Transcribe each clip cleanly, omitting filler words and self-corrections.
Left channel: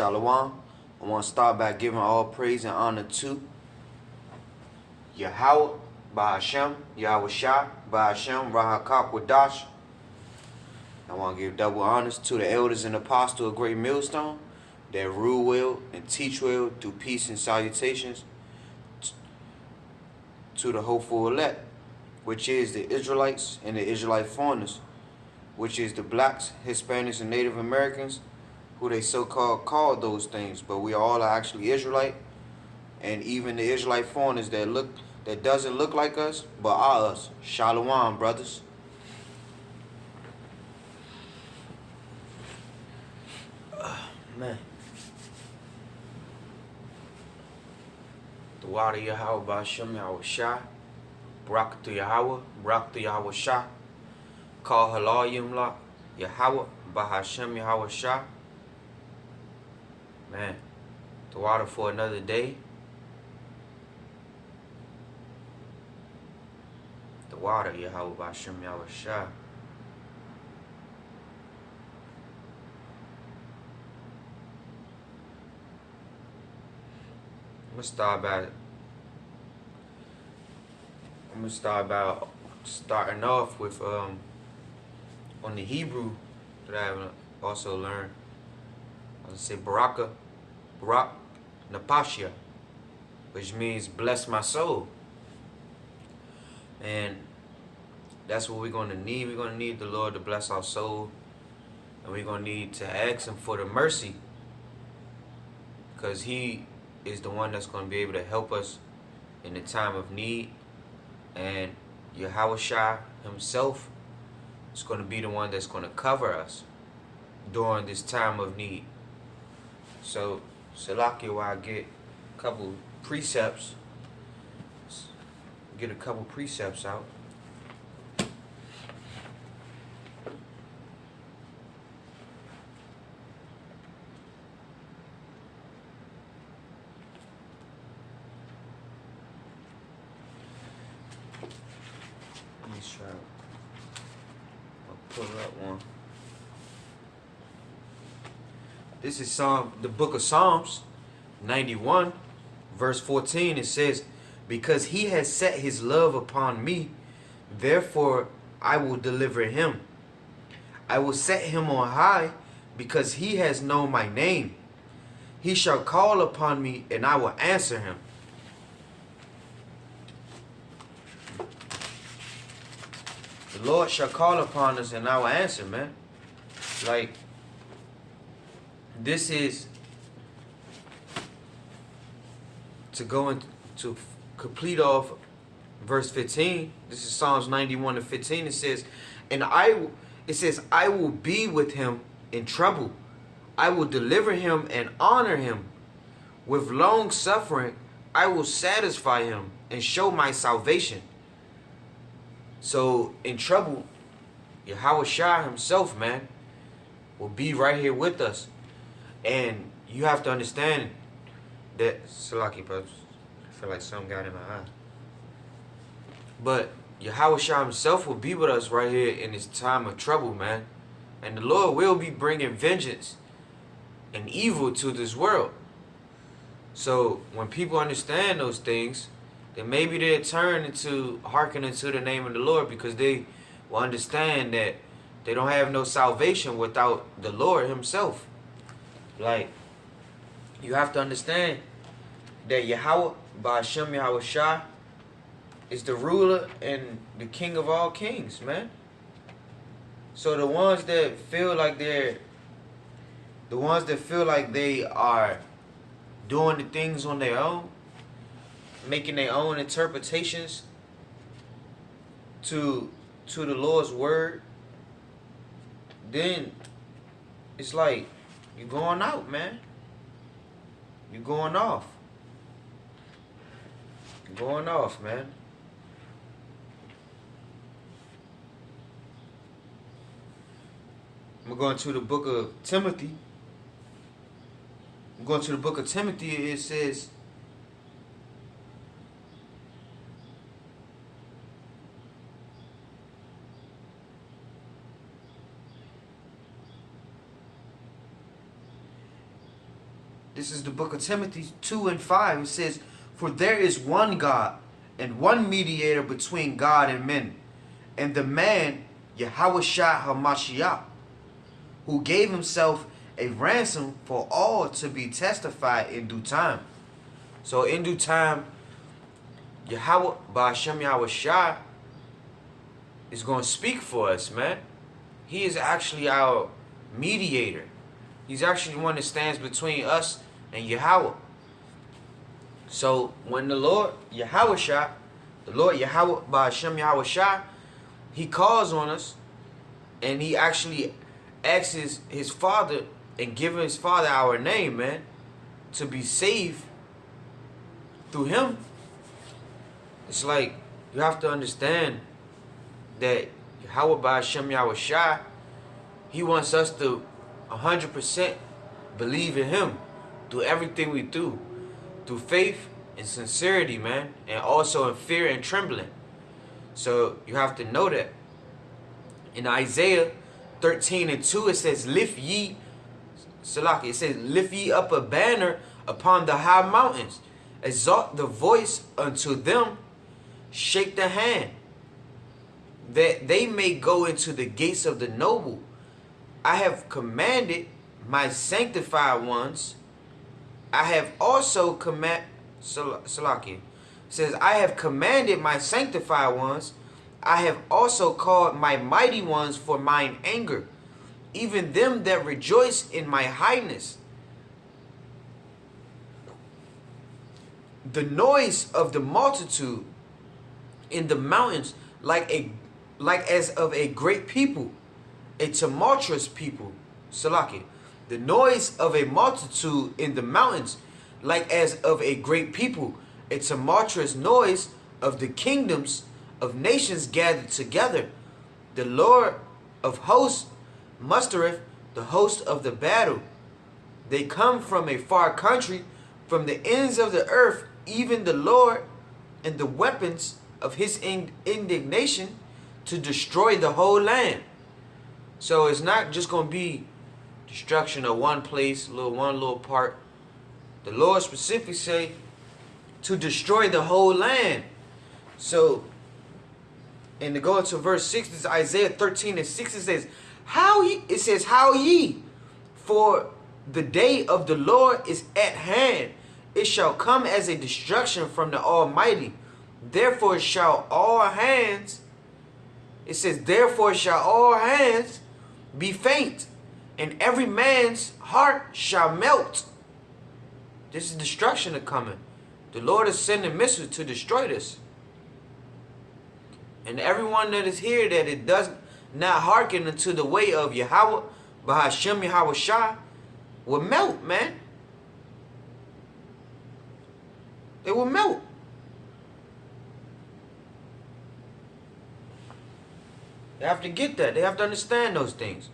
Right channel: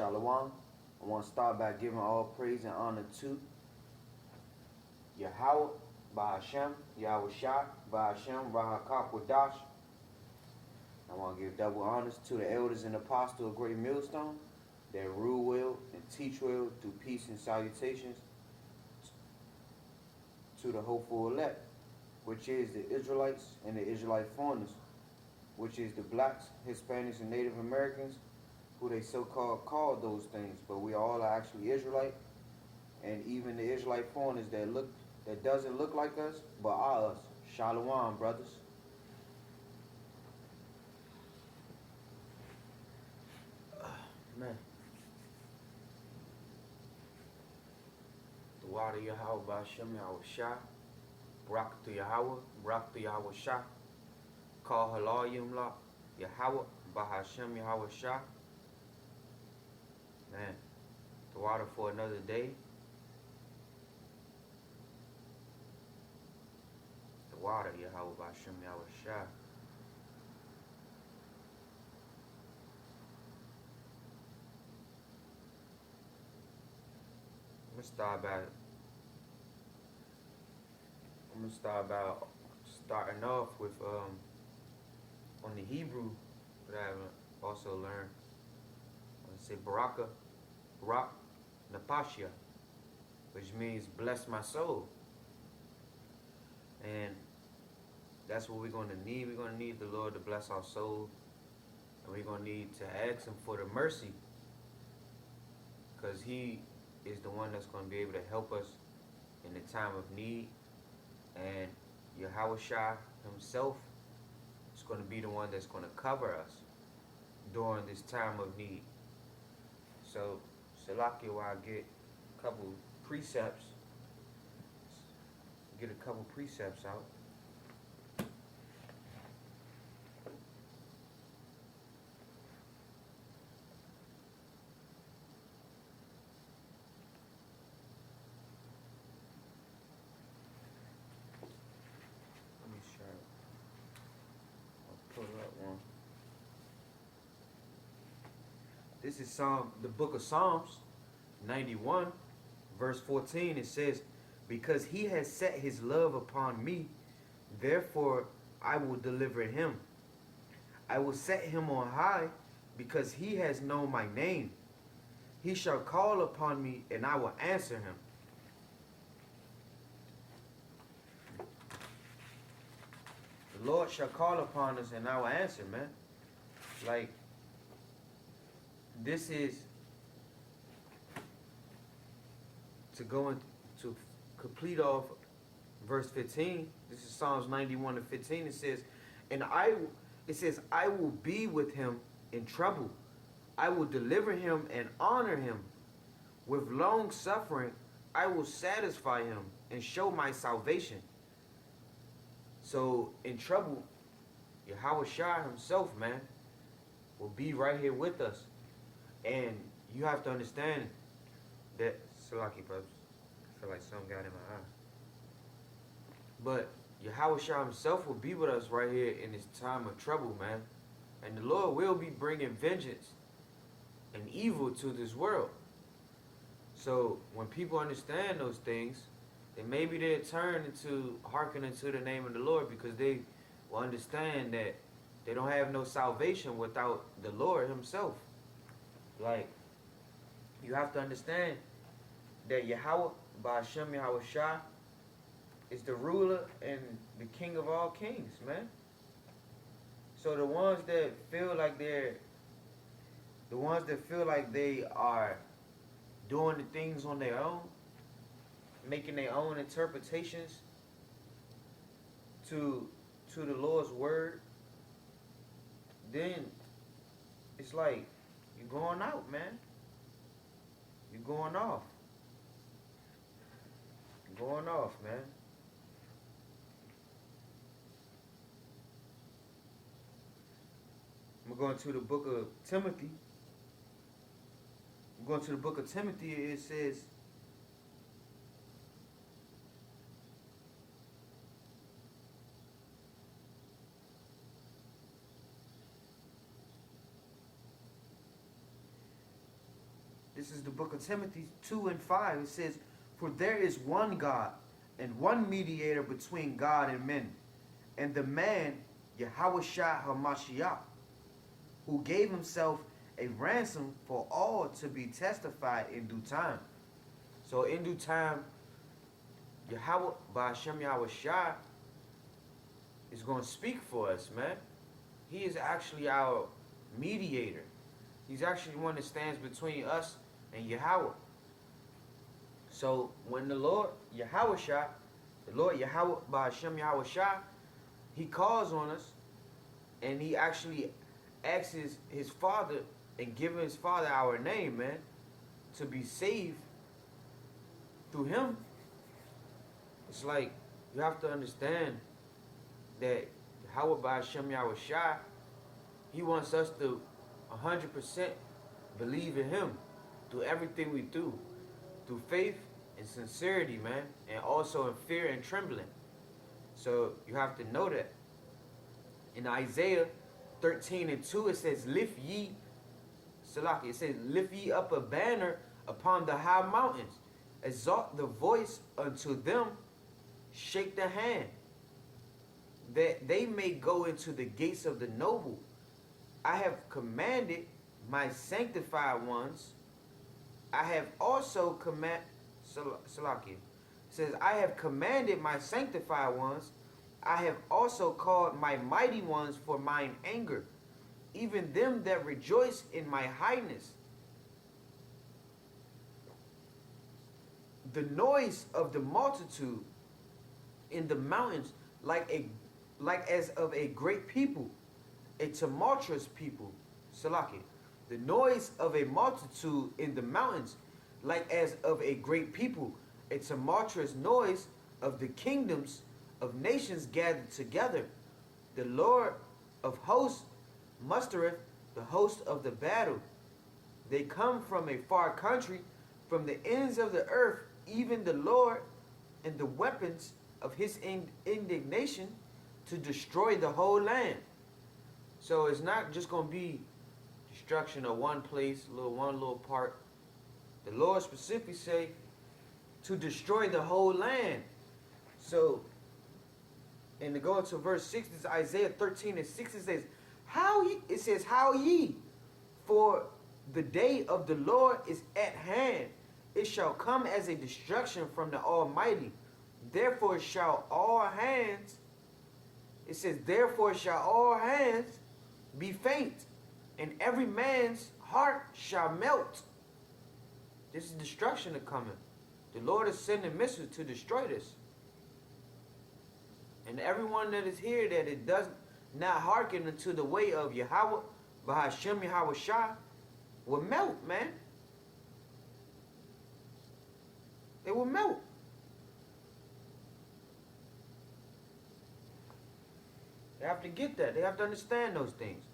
Shalom. I want to start by giving all praise and honor to Yahawah, bahasham, YAHAWASHI, bahasham, Rahakakwadash. I want to give double honors to the elders and apostles of Great Millstone that rule well and teach well through peace and salutations to the hopeful elect, which is the Israelites and the Israelite foreigners, which is the blacks, Hispanics, and Native Americans, who they so-called call those things, but we all are actually Israelite, and even the Israelite foreigners that doesn't look like us, but are us. Shalom, brothers. Man. The water Yahawah, bahasham, YAHAWASHI, barak to Yahawah, barak to YAHAWASHI, Kal Halalyam la YAHAWAH, bahasham, YAHAWASHI. Man, the water for another day. The water Yahawah, bahasham, YAHAWASHI. I'm gonna start by starting off with on the Hebrew that I have also learned. I say barak napashia, which means bless my soul. And that's what we're gonna need. We're gonna need the Lord to bless our soul, and we're gonna need to ask Him for the mercy, because He is the one that's going to be able to help us in the time of need. And Yahawah Himself is going to be the one that's going to cover us during this time of need. So, Salakia, while I get a couple precepts, out. I'll pull up one. This is the book of Psalms 91, verse 14. It says, "Because he has set his love upon me, therefore I will deliver him. I will set him on high, because he has known my name. He shall call upon me, and I will answer him." The Lord shall call upon us, and I will answer, man. Like, this is to go into to complete off verse 15. This is Psalms 91 and 15. It says, I will be with him in trouble. I will deliver him and honor him. With long suffering, I will satisfy him and show my salvation. So in trouble, Yahawah Himself, man, will be right here with us. And you have to understand that, Salaki, I feel like something got in my eye. But Yahawah Himself will be with us right here in this time of trouble, man. And the Lord will be bringing vengeance and evil to this world. So when people understand those things, then maybe they'll turn into hearkening to the name of the Lord, because they will understand that they don't have no salvation without the Lord Himself. Like, you have to understand that Yahawah, bahasham, YAHAWASHI, is the ruler and the king of all kings, man. So the ones that feel like they are doing the things on their own, making their own interpretations to the Lord's word, then it's like you're going out, man. You're going off. You're going off, man. I'm going to the book of Timothy. It says, This is the book of Timothy 2 and 5. It says, "For there is one God and one mediator between God and men, and the man YAHAWASHI HaMashiach, who gave himself a ransom for all to be testified in due time." So in due time, Yahweh, bahasham Yahawashi, is going to speak for us, man. He is actually our mediator. He's actually the one that stands between us and Yahweh. So when the Lord Yahawashi, the Lord Yahweh, bahasham Yahawashi, he calls on us, and he actually asks his Father and gives his Father our name, man, to be saved through him. It's like you have to understand that Yahweh bahasham Yahawashi, he wants us to 100% believe in him through everything we do, through faith and sincerity, man, and also in fear and trembling. So you have to know that. In Isaiah 13 and 2, it says, "Lift ye," Salaki, it says, "Lift ye up a banner upon the high mountains, exalt the voice unto them, shake the hand, that they may go into the gates of the noble. I have commanded my sanctified ones. I have also Salaki, it says, "I have commanded my sanctified ones. I have also called my mighty ones for mine anger, even them that rejoice in my highness. The noise of the multitude in the mountains, like as of a great people, a tumultuous people." Salaki. The noise of a multitude in the mountains, like as of a great people, a tumultuous noise of the kingdoms of nations gathered together. The Lord of hosts mustereth the host of the battle. They come from a far country, from the ends of the earth, even the Lord, and the weapons of his indignation to destroy the whole land. So it's not just going to be destruction of one place, one little part. The Lord specifically say to destroy the whole land. So, and to go to verse 6, this is Isaiah 13 and 6, it says, "How ye, for the day of the Lord is at hand. It shall come as a destruction from the Almighty. Therefore shall all hands," it says, "therefore shall all hands be faint, and every man's heart shall melt." This is destruction coming. The Lord is sending missiles to destroy this. And everyone that is here that it does not hearken unto the way of Yahweh, bahasham Yahawashi, will melt, man. They will melt. They have to get that. They have to understand those things.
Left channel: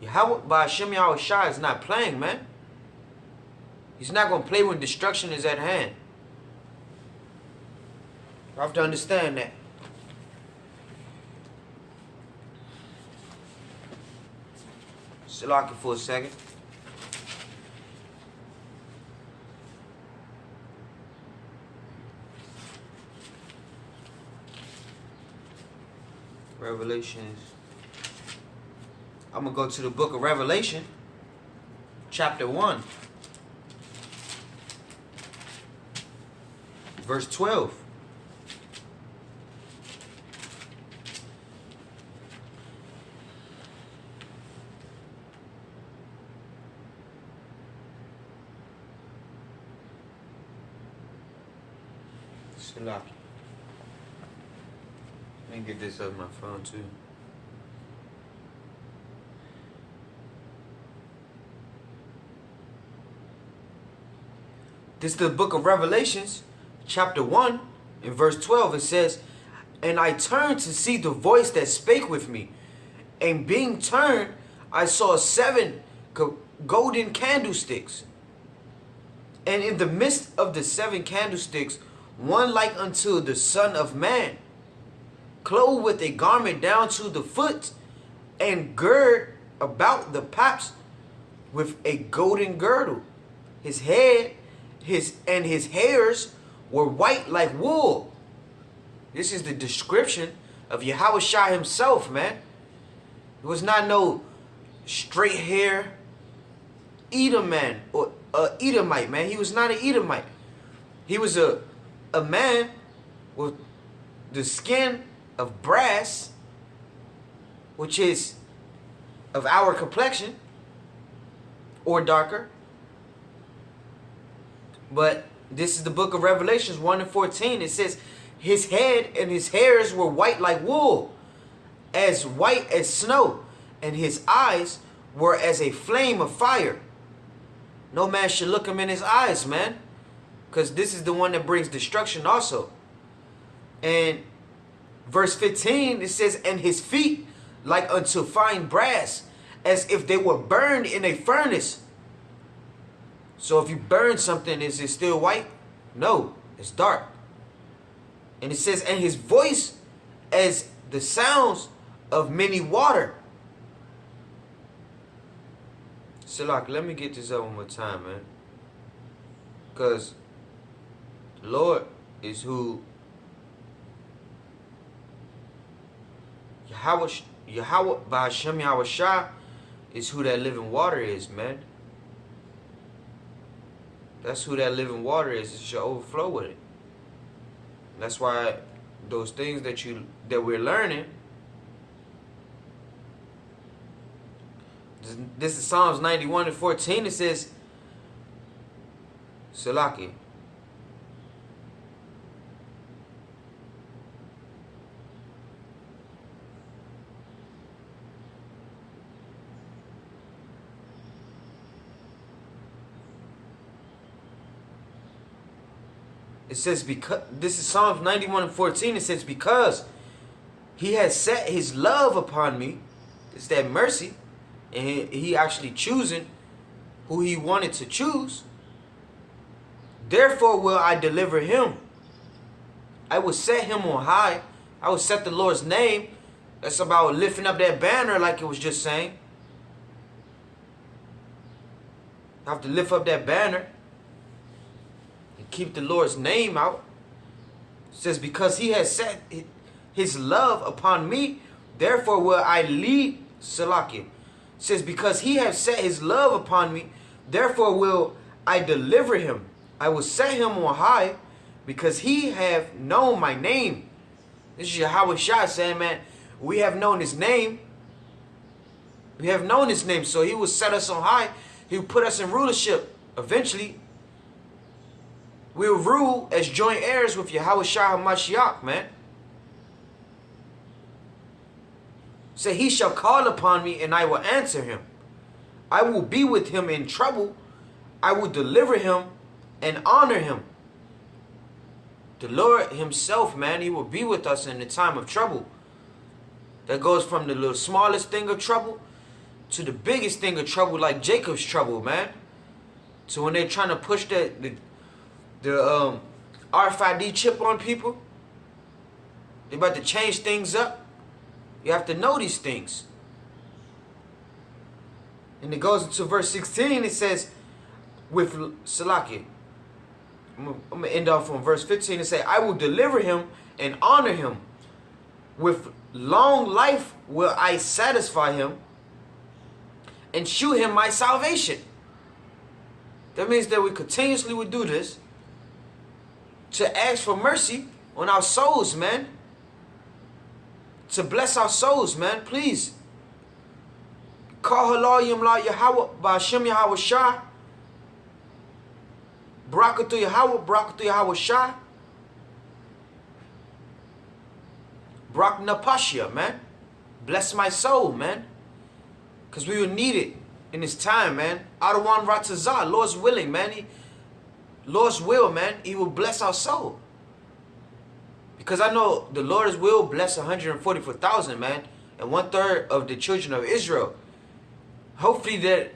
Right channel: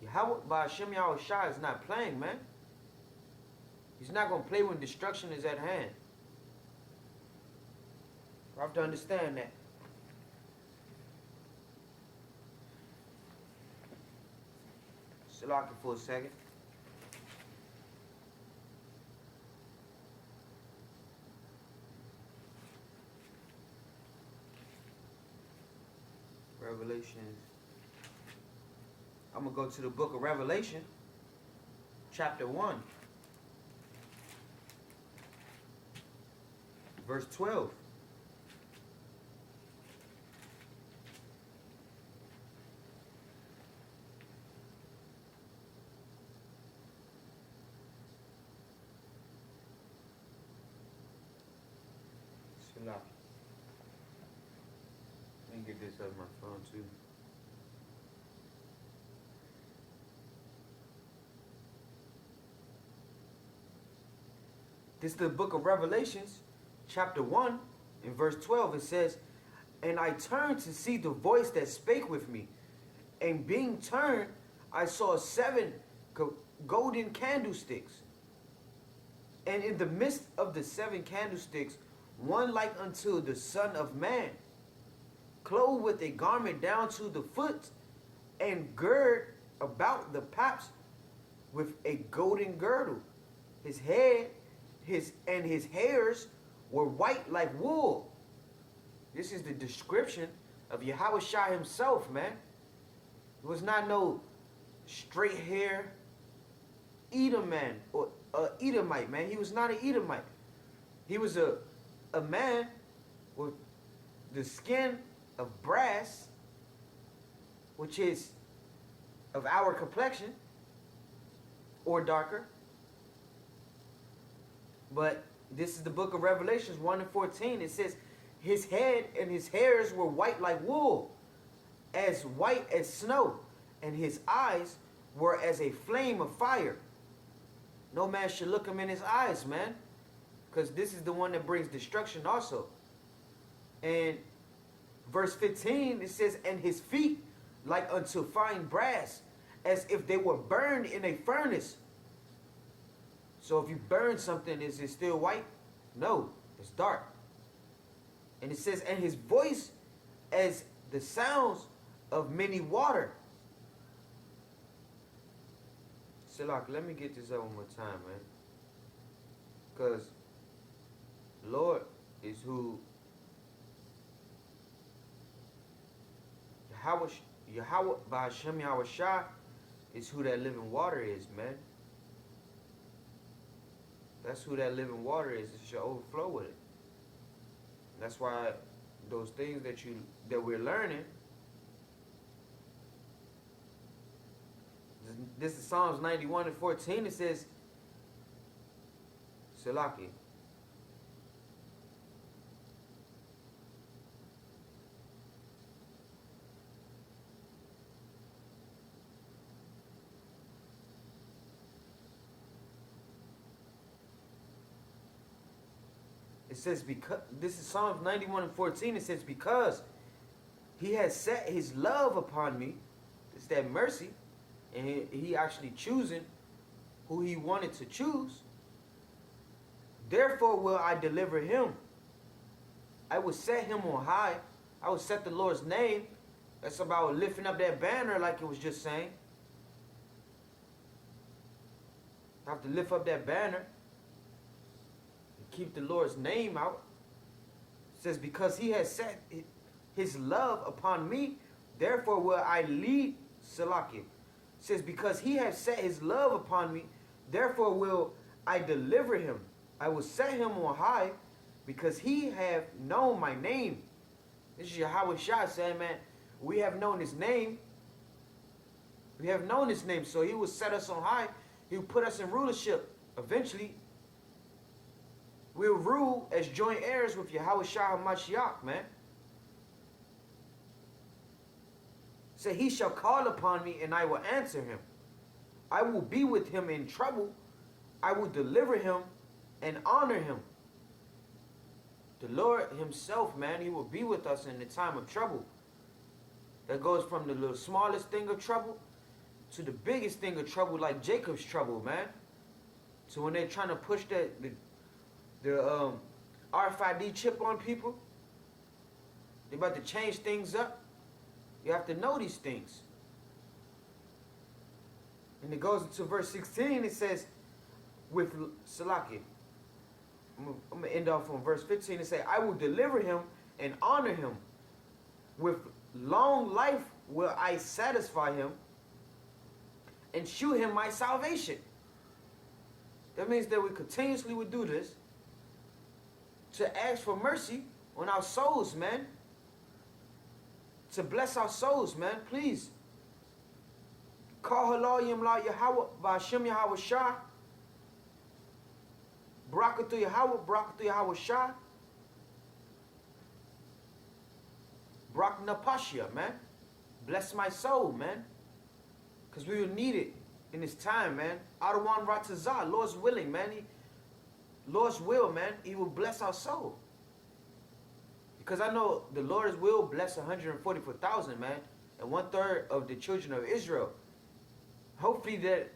Yahweh bahasham Yahawashi is not playing, man. He's not going to play when destruction is at hand. You have to understand that. Lock it for a second. Revelations. I'm going to go to the book of Revelation, chapter 1, verse 12. Let me get this up my phone too. This is the book of Revelations, chapter 1, in verse 12. It says, "And I turned to see the voice that spake with me. And being turned, I saw 7 golden candlesticks. And in the midst of the 7 candlesticks, one like unto the Son of Man, clothed with a garment down to the foot, and gird about the paps with a golden girdle. his head, his hairs were white like wool. This is the description of YAHAWASHI himself, man. It was not no straight hair Edom man or Edomite, man. He was not an Edomite. He was a man with the skin of brass, which is of our complexion or darker. But this is the book of Revelations 1:14. It says, his head and his hairs were white like wool, as white as snow, and his eyes were as a flame of fire. No man should look him in his eyes, man, because this is the one that brings destruction also. And verse 15, it says, and his feet like unto fine brass, as if they were burned in a furnace. So if you burn something, is it still white? No, it's dark. And it says, and his voice as the sounds of many water. Salak, let me get this up one more time, man. Because the Lord is who Yahawah, bahasham YAHAWASHI is who that living water is, man. That's who that living water is. It should overflow with it. That's why those things that we're learning. This is Psalms 91:14. It says, Salaki. It says, because this is Psalms 91:14. It says, because he has set his love upon me. It's that mercy. And he actually choosing who he wanted to choose. Therefore will I deliver him. I will set him on high. I will set the Lord's name. That's about lifting up that banner like it was just saying. I have to lift up that banner. Keep the Lord's name out. It says, because he has set his love upon me, therefore will I lead Salakim. It says, because he has set his love upon me, therefore will I deliver him. I will set him on high, because he have known my name. This is YAHAWASHI saying, man, we have known his name. We have known his name, so he will set us on high. He will put us in rulership eventually. We'll rule as joint heirs with YAHAWASHI HaMashiach, man. Say, he shall call upon me and I will answer him. I will be with him in trouble. I will deliver him and honor him. The Lord himself, man, he will be with us in the time of trouble. That goes from the little smallest thing of trouble to the biggest thing of trouble, like Jacob's trouble, man. So when they're trying to push the RFID chip on people, they're about to change things up. You have to know these things. And it goes into verse 16. It says, with Salaki, I'm going to end off on verse 15 and say, I will deliver him and honor him. With long life will I satisfy him and shew him my salvation. That means that we continuously would do this to ask for mercy on our souls, man. To bless our souls, man, please. Kal Halalyam la YAHAWAH, bahasham YAHAWASHI. Barak to Yahawah, barak to YAHAWASHI. Barak napashia, man. Bless my soul, man. Because we will need it in this time, man. Adawan Ratazah, Lord's willing, man. Lord's will, man. He will bless our soul. Because I know the Lord's will bless 144,000, man. And 1/3 of the children of Israel. Hopefully that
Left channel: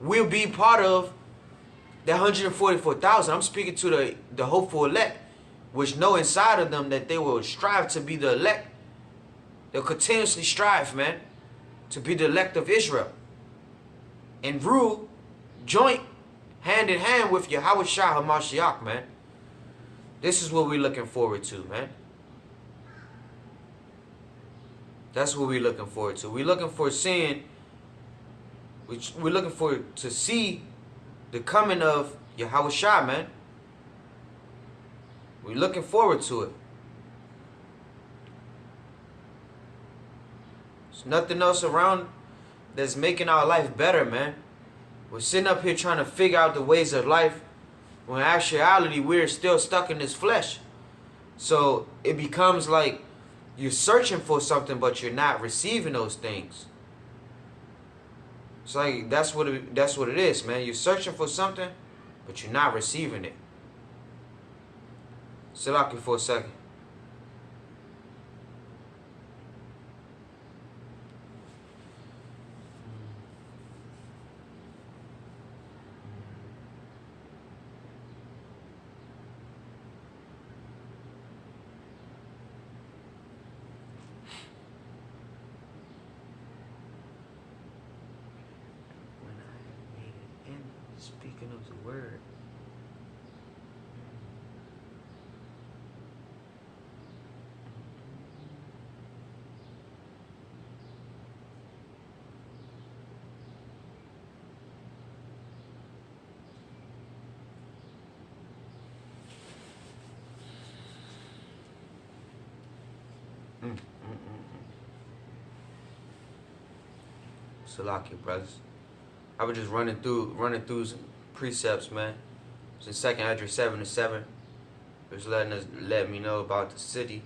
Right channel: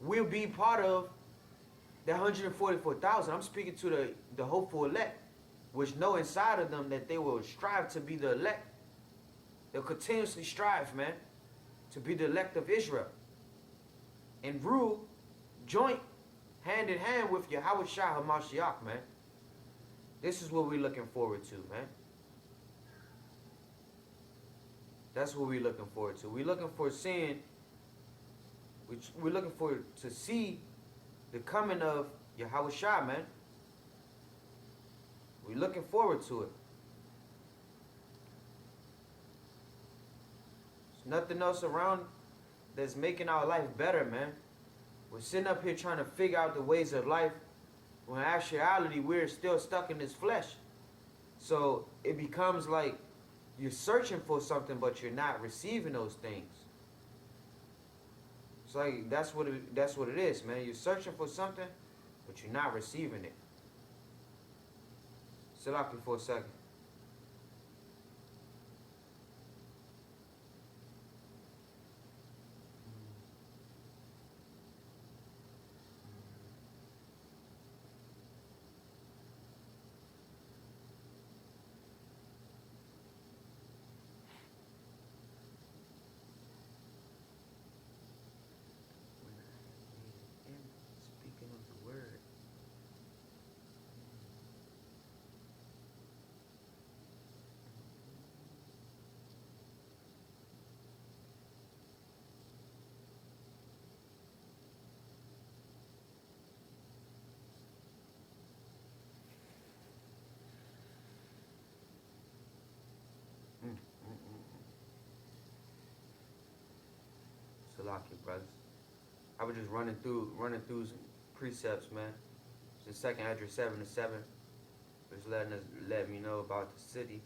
we'll be part of that 144,000. I'm speaking to the hopeful elect, which know inside of them that they will strive to be the elect. They'll continuously strive, man, to be the elect of Israel. And rule joint hand in hand with YAHAWASHI HaMashiach, man. This is what we're looking forward to, man. That's what we're looking forward to. We're looking for seeing, we're looking for to see the coming of YAHAWASHI, man. We're looking forward to it. There's nothing else around that's making our life better, man. We're sitting up here trying to figure out the ways of life, when in actuality we're still stuck in this flesh. So it becomes like you're searching for something, but you're not receiving those things. It's like that's what it is, man. You're searching for something, but you're not receiving it. Salaki for a second. Speaking of the word. Salaki, brothers. I was just running through some precepts, man. It's in 2nd Esdras 7:7. It's letting me know about the city.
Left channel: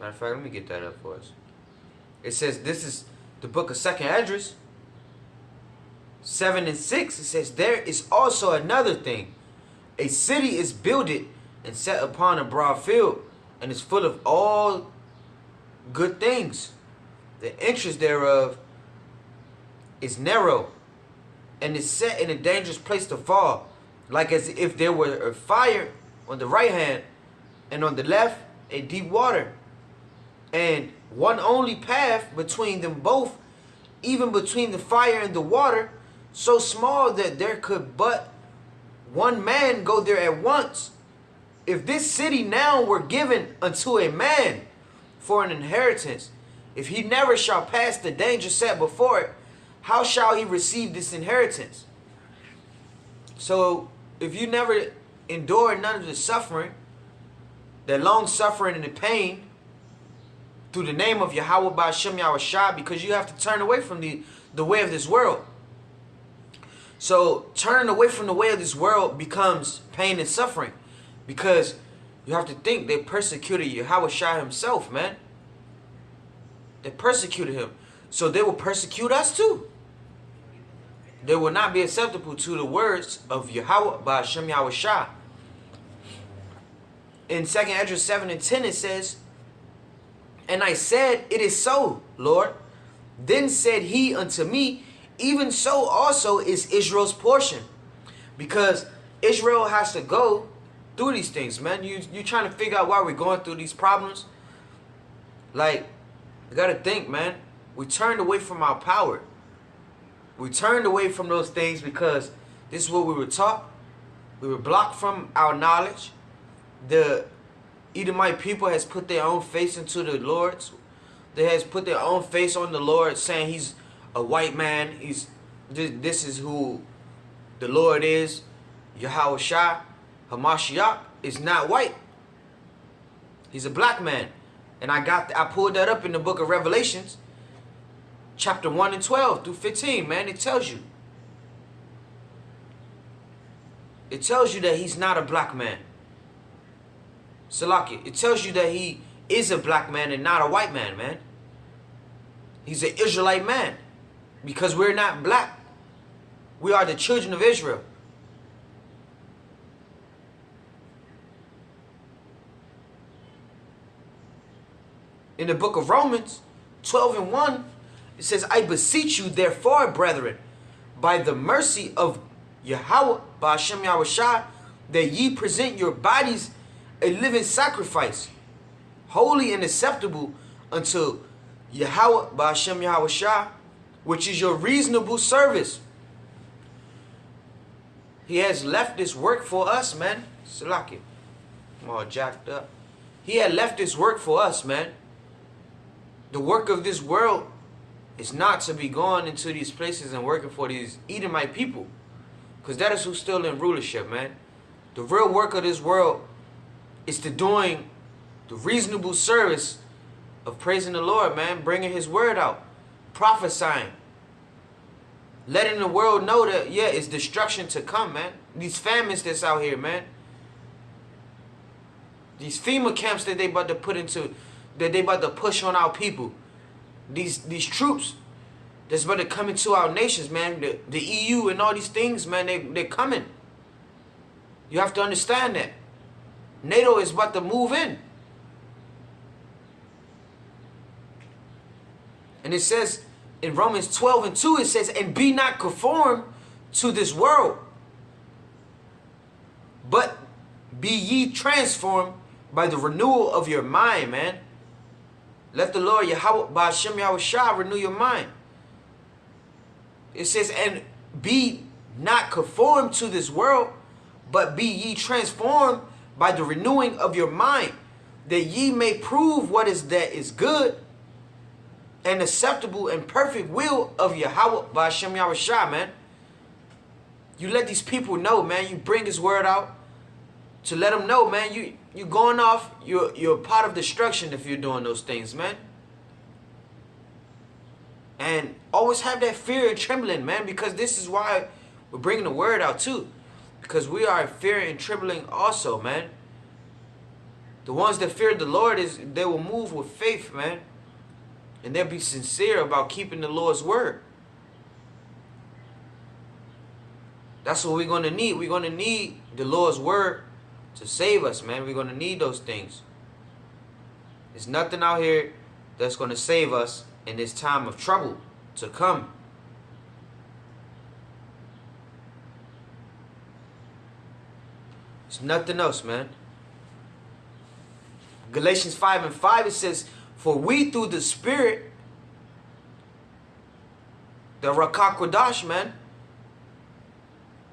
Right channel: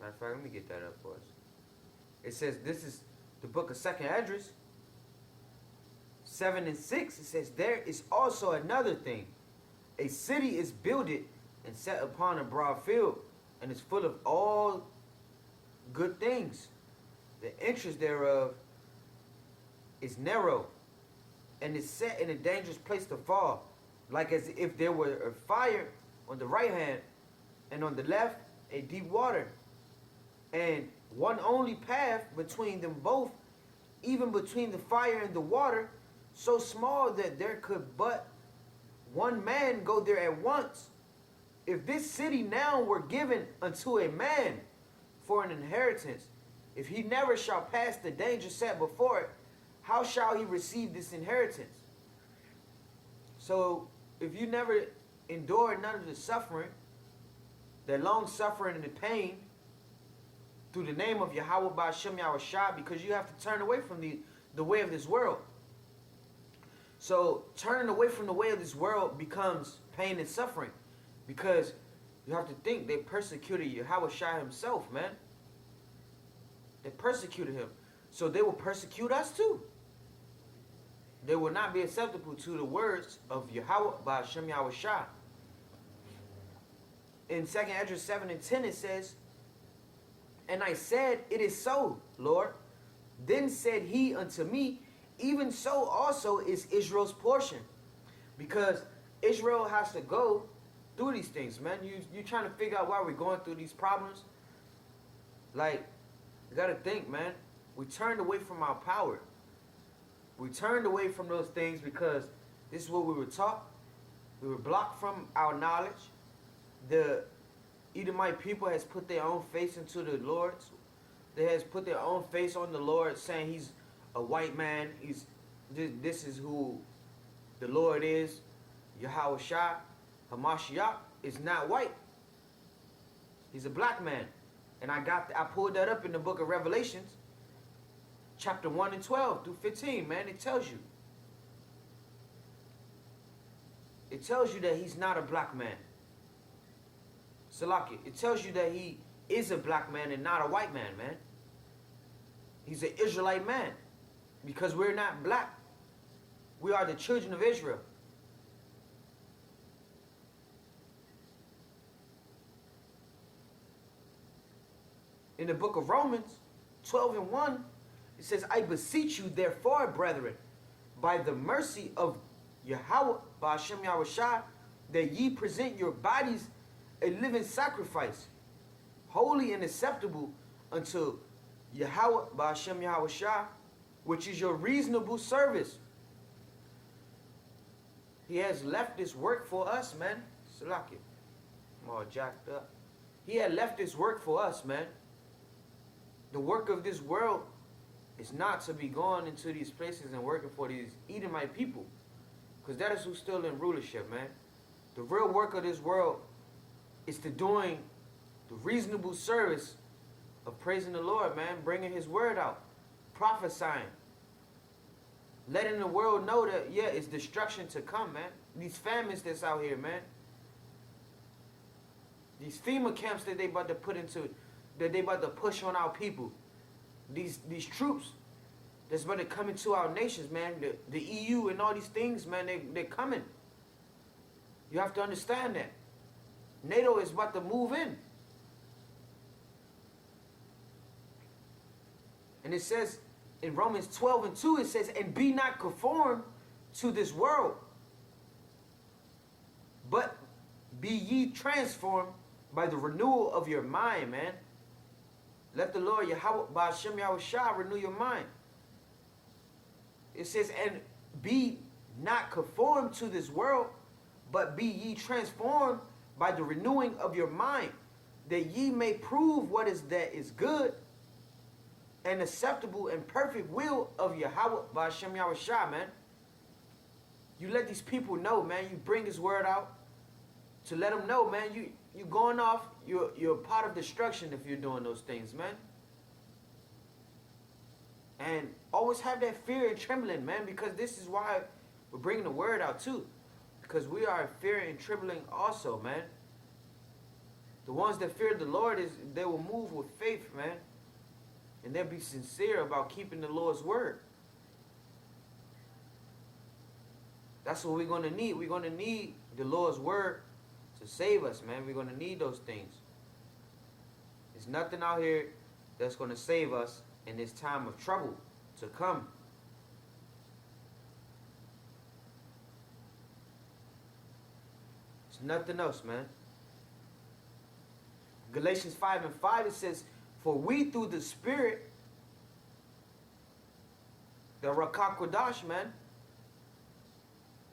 Matter of fact, let me get that up for us. It says, this is the book of 2nd Esdras 7:6. It says, there is also another thing. A city is builded and set upon a broad field, and is full of all good things. The entrance thereof is narrow, and is set in a dangerous place to fall, like as if there were a fire on the right hand, and on the left a deep water, and one only path between them both, even between the fire and the water, so small that there could but one man go there at once. If this city now were given unto a man for an inheritance, if he never shall pass the danger set before it, how shall he receive this inheritance? So, if you never endure none of the suffering, the long suffering and the pain, through the name of Yahweh bahasham YAHAWASHI, because you have to turn away from the way of this world. So, turning away from the way of this world becomes pain and suffering, because you have to think they persecuted YAHAWASHI himself, man. They persecuted him. So they will persecute us too. They will not be acceptable to the words of Yahweh bahasham YAHAWASHI. In 2nd Esdras 7:10 it says, and I said, it is so, Lord. Then said he unto me, even so also is Israel's portion. Because Israel has to go through these things, man. You trying to figure out why we're going through these problems? Like, you gotta think, man. We turned away from our power. We turned away from those things because this is what we were taught. We were blocked from our knowledge. The Edomite people has put their own face into the Lord's. They has put their own face on the Lord, saying he's a white man. This is who the Lord is. YAHAWASHI HaMashiach is not white. He's a black man. And I pulled that up in the book of Revelations, chapter 1 and 12 through 15, man. It tells you. It tells you that he's not a black man. Salaki, it tells you that he is a black man and not a white man, man. He's an Israelite man. Because we're not black. We are the children of Israel. In the book of Romans 12 and 1, it says, I beseech you therefore, brethren, by the mercy of Yahweh bahasham YAHAWASHI, that ye present your bodies a living sacrifice, holy and acceptable unto Yahweh bahasham YAHAWASHI, which is your reasonable service. He has left this work for us, man. Salaki. I'm all jacked up. He had left this work for us, man. The work of this world is not to be going into these places and working for these Edomite people. Because that is who's still in rulership, man. The real work of this world is to doing the reasonable service of praising the Lord, man. Bringing his word out. Prophesying. Letting the world know that, yeah, it's destruction to come, man. These famines that's out here, man. These FEMA camps that they about to put into, that they about to push on our people. These troops that's about to come into our nations, man. The EU and all these things, man, they're coming. You have to understand that. NATO is about to move in. And it says in Romans 12:2, it says, and be not conformed to this world, but be ye transformed by the renewal of your mind, man. Let the Lord Yahawah, bahasham YAHAWASHI, renew your mind. It says, and be not conformed to this world, but be ye transformed by the renewing of your mind, that ye may prove what is that is good and acceptable and perfect will of Yahawah, bahasham YAHAWASHI, man. You let these people know, man. You bring his word out to let them know, man. You're going off. You're part of destruction if you're doing those things, man. And always have that fear and trembling, man, because this is why we're bringing the word out too. Because we are in fear and trembling also, man. The ones that fear the Lord, they will move with faith, man. And they'll be sincere about keeping the Lord's word. That's what we're going to need. We're going to need the Lord's word to save us, man. We're going to need those things. There's nothing out here that's going to save us in this time of trouble to come. There's nothing else, man. Galatians 5:5, it says, for we through the Spirit, the Rakakwadash, man.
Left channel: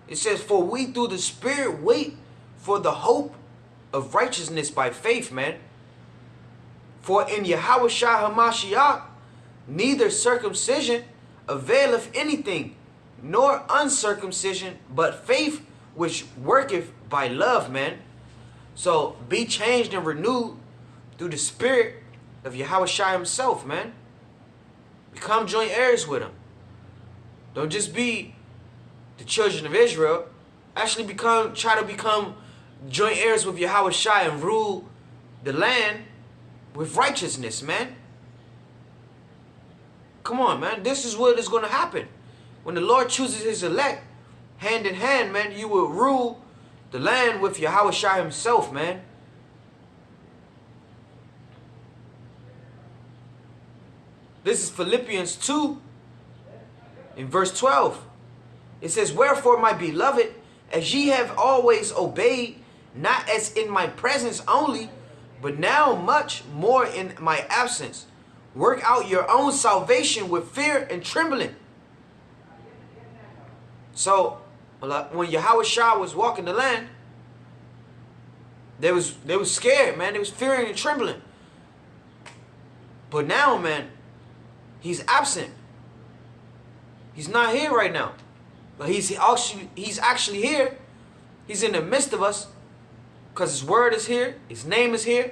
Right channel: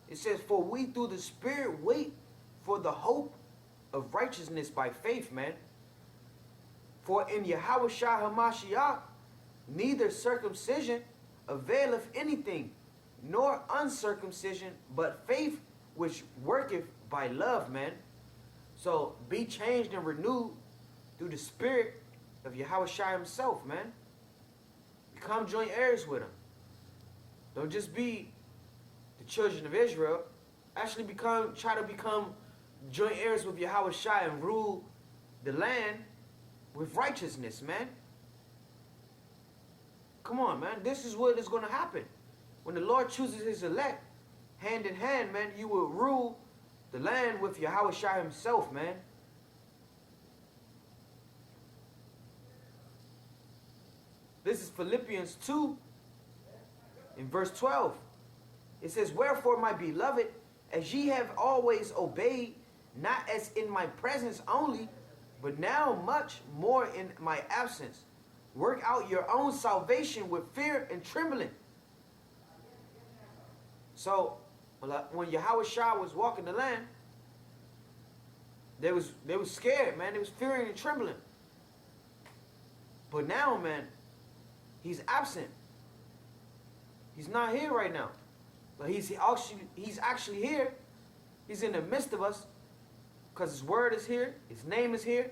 It says, for we through the Spirit wait for the hope of righteousness by faith, man. For in Yahawashah HaMashiach, neither circumcision availeth anything, nor uncircumcision, but faith which worketh by love, man. So be changed and renewed through the Spirit of Yahawashah himself, man. Become joint heirs with him. Don't just be the children of Israel. Actually try to become joint heirs with Yahawashah and rule the land with righteousness, man. Come on, man. This is what is going to happen. When the Lord chooses his elect, hand in hand, man, you will rule the land with Yahawashah himself, man. This is Philippians 2 in verse 12. It says, wherefore, my beloved, as ye have always obeyed, not as in my presence only, but now much more in my absence, work out your own salvation with fear and trembling. So, when Yahawashah was walking the land, they was scared, man. They was fearing and trembling. But now, man, he's absent. He's not here right now. But he's actually here. He's in the midst of us. Because his word is here. His name is here.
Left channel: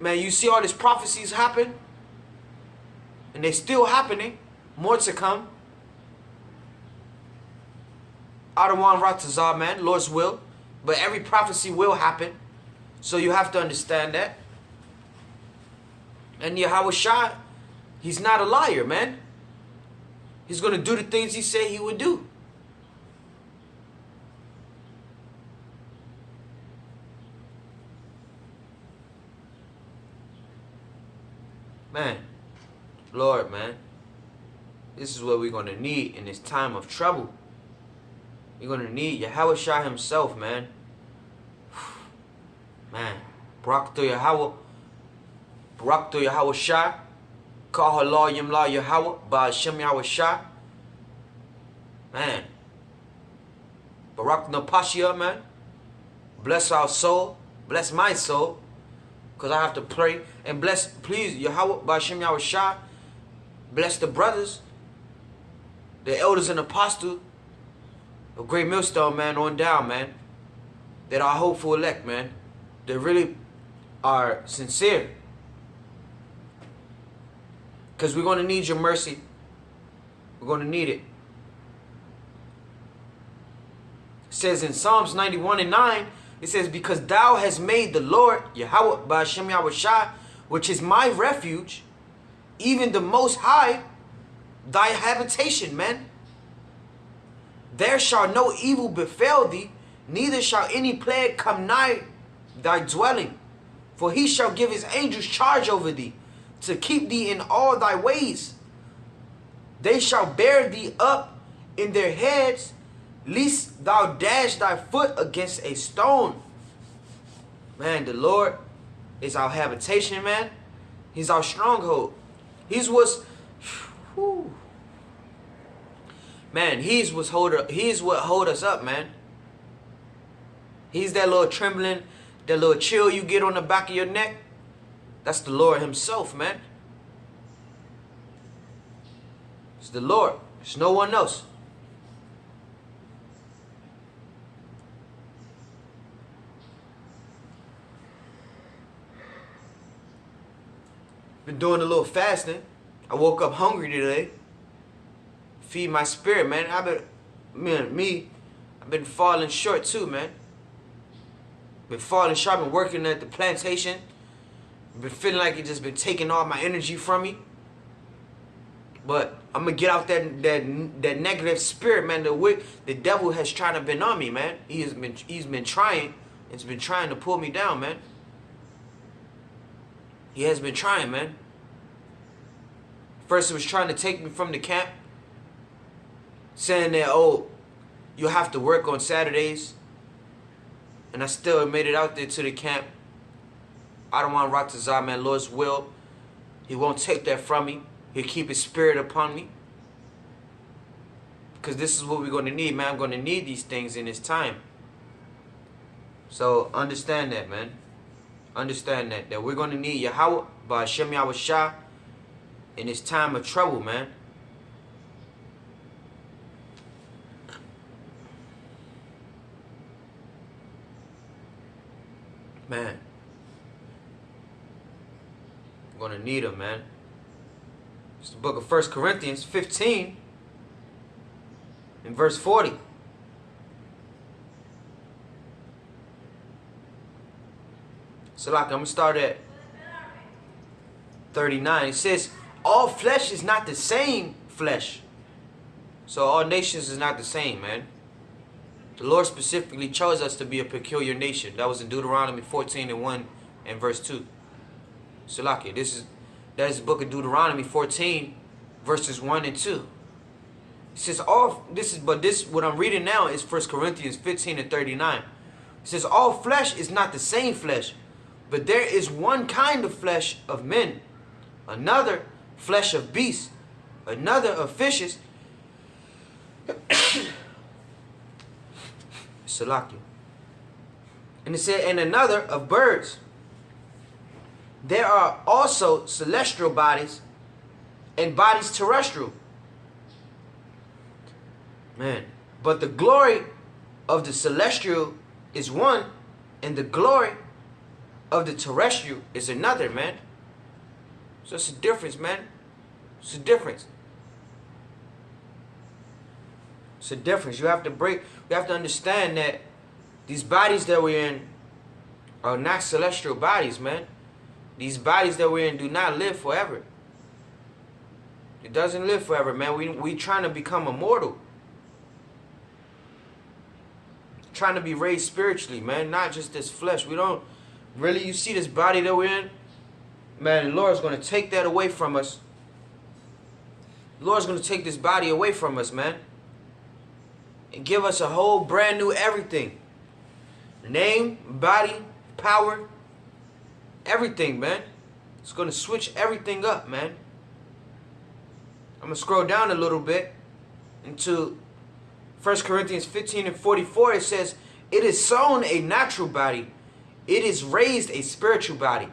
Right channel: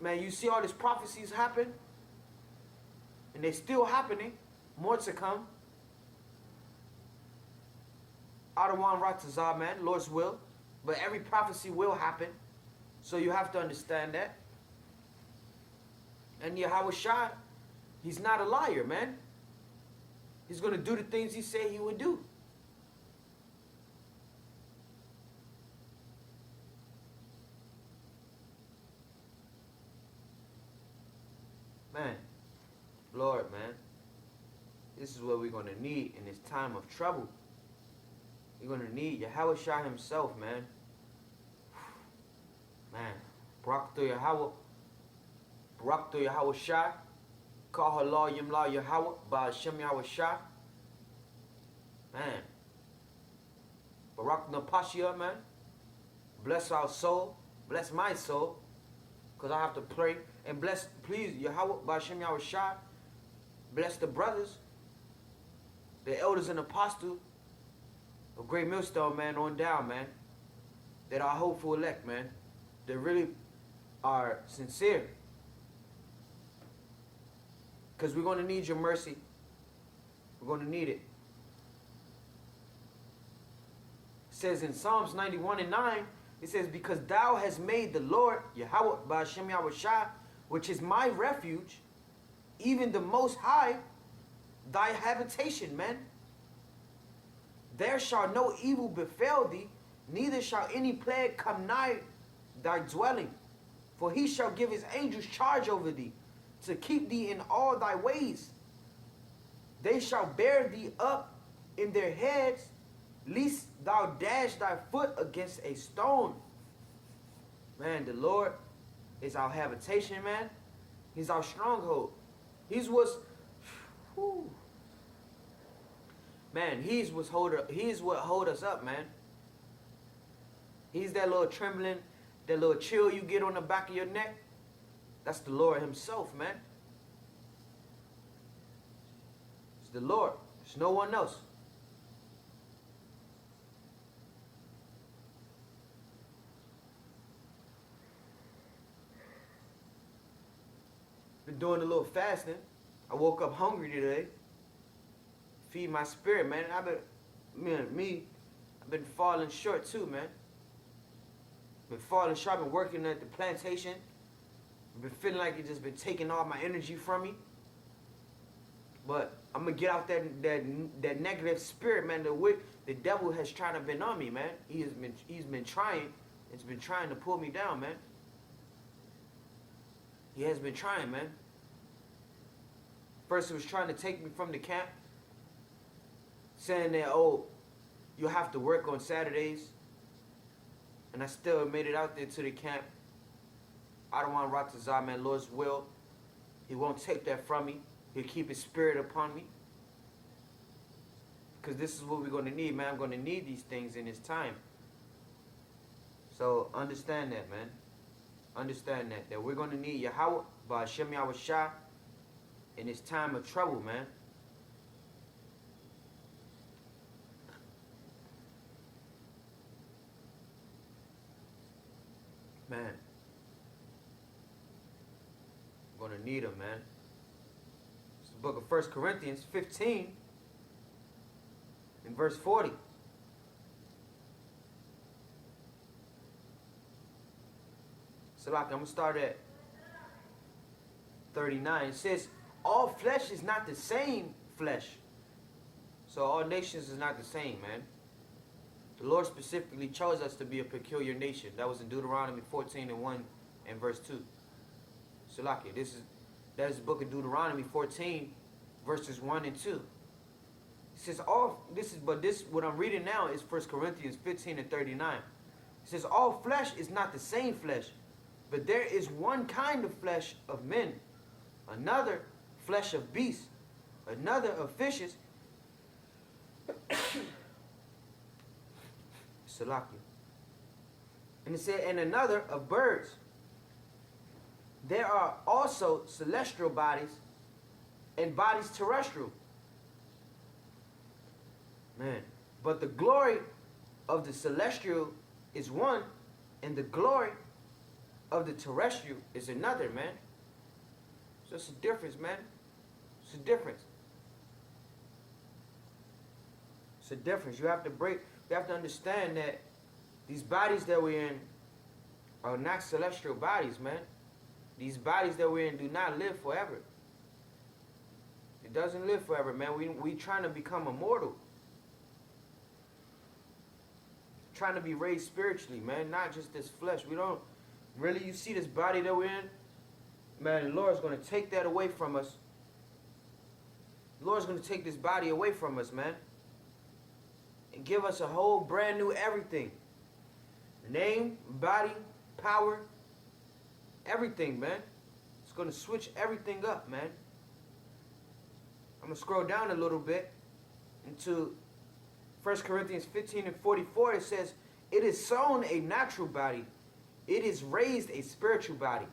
Man, you see all these prophecies happen. And they're still happening. More to come. Adawan Ratazar, man. Lord's will. But every prophecy will happen. So you have to understand that. And Yahawashah, he's not a liar, man. He's going to do the things he said he would do. Man, Lord, man, this is what we're going to need in this time of trouble. You're going to need Yahawashah himself, man. Man, barak to Yahawah, barak to Yahawashah, Kal Halalyam la YAHAWAH, bahasham YAHAWASHI. Man, Barak Napashia, man. Bless our soul. Bless my soul. Because I have to pray. And bless, please, Yahawah, bahasham YAHAWASHI. Bless the brothers, the elders and apostles of Great Millstone, man, on down, man. That are hopeful elect, man. They really are sincere. Because we're going to need your mercy. We're going to need it. It says in Psalms 91:9, it says, because thou hast made the Lord, Yahawah, bahasham YAHAWASHI, which is my refuge, even the Most High, thy habitation, man. There shall no evil befall thee, neither shall any plague come nigh thy dwelling. For he shall give his angels charge over thee, to keep thee in all thy ways. They shall bear thee up in their heads, lest thou dash thy foot against a stone. Man, the Lord is our habitation, man. He's our stronghold. He's what's, whew. Man, he's what hold us up, man. He's that little trembling, that little chill you get on the back of your neck. That's the Lord himself, man. It's the Lord. It's no one else. Been doing a little fasting. I woke up hungry today. Feed my spirit, man. I've been falling short too, man. Been falling short. I've been working at the plantation. Been feeling like it just been taking all my energy from me. But I'm gonna get out that negative spirit, man. The devil has tried to been on me, man. He's been trying. It's been trying to pull me down, man. He has been trying, man. First, it was trying to take me from the camp, saying that, oh, you have to work on Saturdays. And I still made it out there to the camp. I don't want to rock to Zah, man. Lord's will. He won't take that from me. He'll keep his spirit upon me. Because this is what we're going to need, man. I'm going to need these things in this time. So understand that, man. Understand that we're going to need Yahawah, bahasham YAHAWASHI, in this time of trouble, man. Man. I'm going to need him, man. It's the book of 1 Corinthians 15 and verse 40. So like, I'm going to start at 39. It says, all flesh is not the same flesh. So all nations is not the same, man. The Lord specifically chose us to be a peculiar nation. That was in Deuteronomy 14 and 1 and verse 2. So like, that is the book of Deuteronomy 14 verses 1 and 2. It says what I'm reading now is 1 Corinthians 15 and 39. It says all flesh is not the same flesh, but there is one kind of flesh of men, another flesh of beasts, another of fishes, Salakia. And it said, and another of birds. There are also celestial bodies and bodies terrestrial. Man, but the glory of the celestial is one, and the glory of the terrestrial is another, man. So it's a difference, man. It's a difference. It's a difference. You have to understand that these bodies that we're in are not celestial bodies, man. These bodies that we're in do not live forever. It doesn't live forever, man. We trying to become immortal. Trying to be raised spiritually, man. Not just this flesh. We don't really, you see this body that we're in? Man, the Lord's going to take that away from us. The Lord's going to take this body away from us, man. And give us a whole brand new everything. Name, body, power, everything, man. It's going to switch everything up, man. I'm going to scroll down a little bit into 1 Corinthians 15 and 44, it says, it is sown a natural body, it is raised a spiritual body.